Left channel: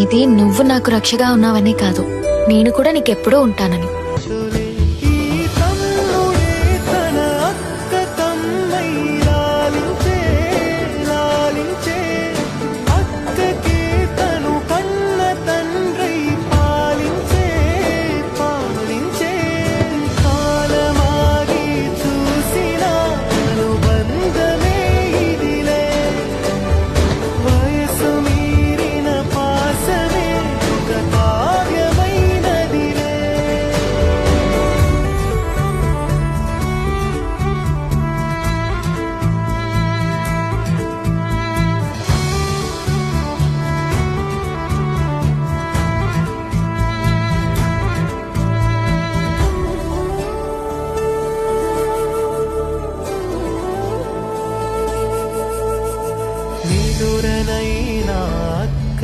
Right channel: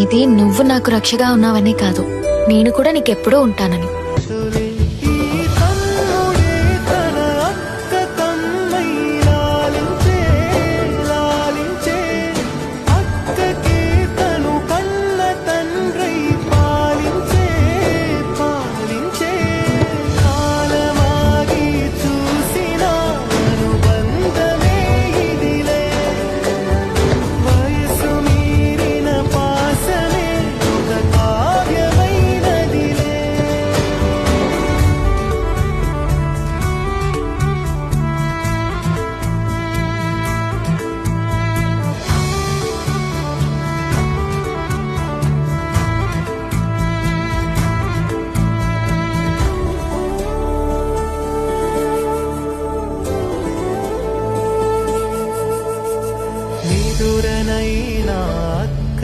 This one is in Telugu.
ఇది నువ్వు నాకు రక్షగా ఉన్నావనే కాదు, నేను కూడా నీకెప్పుడూ ఉంటానని. ఈ తమ్ముడే తన అక్క తమ్మై లాలించే లాలించే, అక్కకే తను కన్న తండ్రై పాలించే పాలించే, కాలమాగి చూసిన అనుబంధమే ఇదిలే, వయసు మీరిన పాసమే ఒక కావ్యమైనదిలే. నిదురనైనా అక్క